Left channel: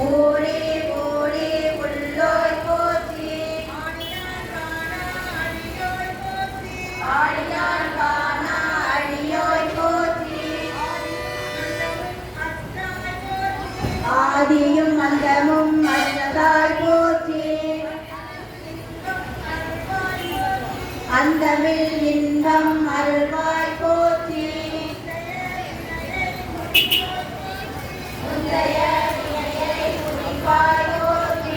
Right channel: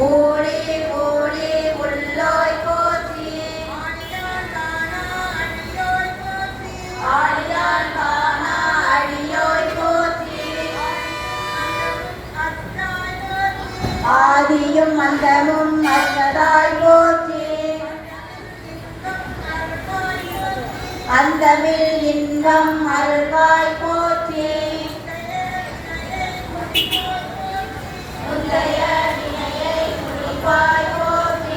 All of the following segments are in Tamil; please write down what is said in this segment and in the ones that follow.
ஓடே ஓடே உள்ளாய் போற்றி ஆடியான் காணா அடியோய் போற்றி ஆதியும் அந்தமும் அற்றதாய் போற்றி அந்தமில் இன்பம் அருள்வாய் போற்றி முந்தைய வினையை முடிப்பாய் போற்றி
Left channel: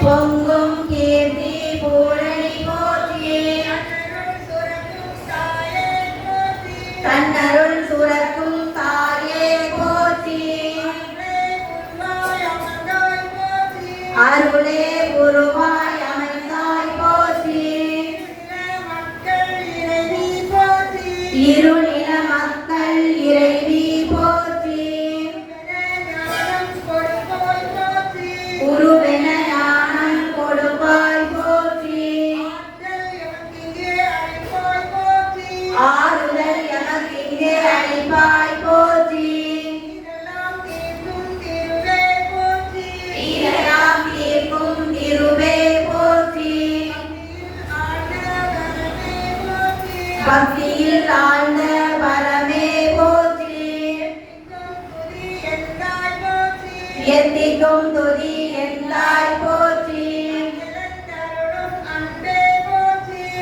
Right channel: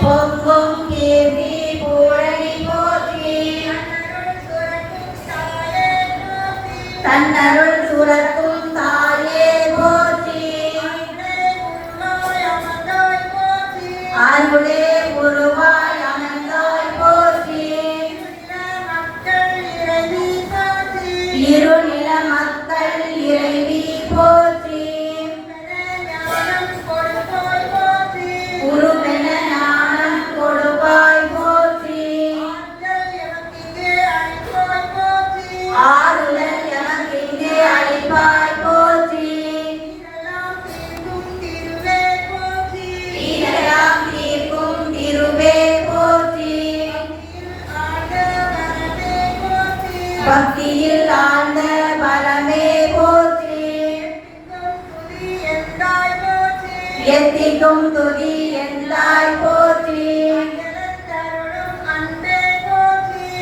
பொங்கும் கீர்த்தி பூரணி போற்றி தன்னருள் சுரக்கும் தாயே போற்றி அருளே உருவாய் அமர்ந்தாய் போற்றி இருநில மக்கள் இறைவி போற்றி உருவென ஞானம் கொடுப்பாய் போற்றி ஆறுதல் எமக்கிங்கே அளிப்பாய் போற்றி ஈரையாம் தீர்க்கும் திருவே போற்றி பக்தியில் ஆழ்ந்த பரமே போற்றி எத்திக்கும் துதி எந்தாய் போற்றி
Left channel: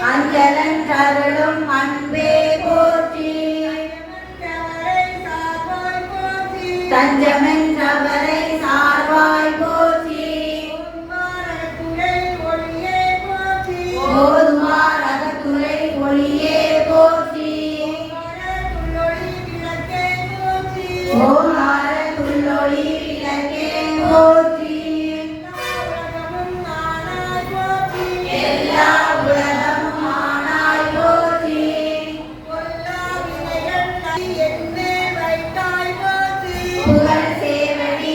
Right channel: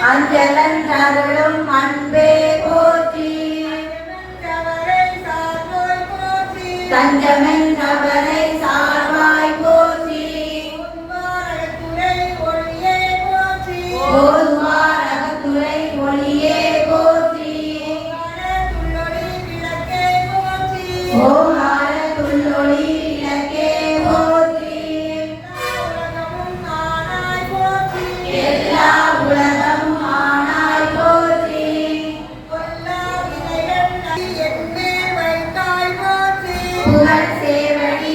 அஞ்சலன் தருளும் அன்பே போற்றி தஞ்சமென் அவரை சார்வாய் போற்றி ஓதுவார் அகத்துறை ஒளியே போற்றி ஓங்கார துள்ளொளி விளக்கே போற்றி எல்லா உலகமும் ஆனாய் போற்றி புகழ் சேவடி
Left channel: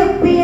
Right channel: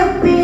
எவ்வே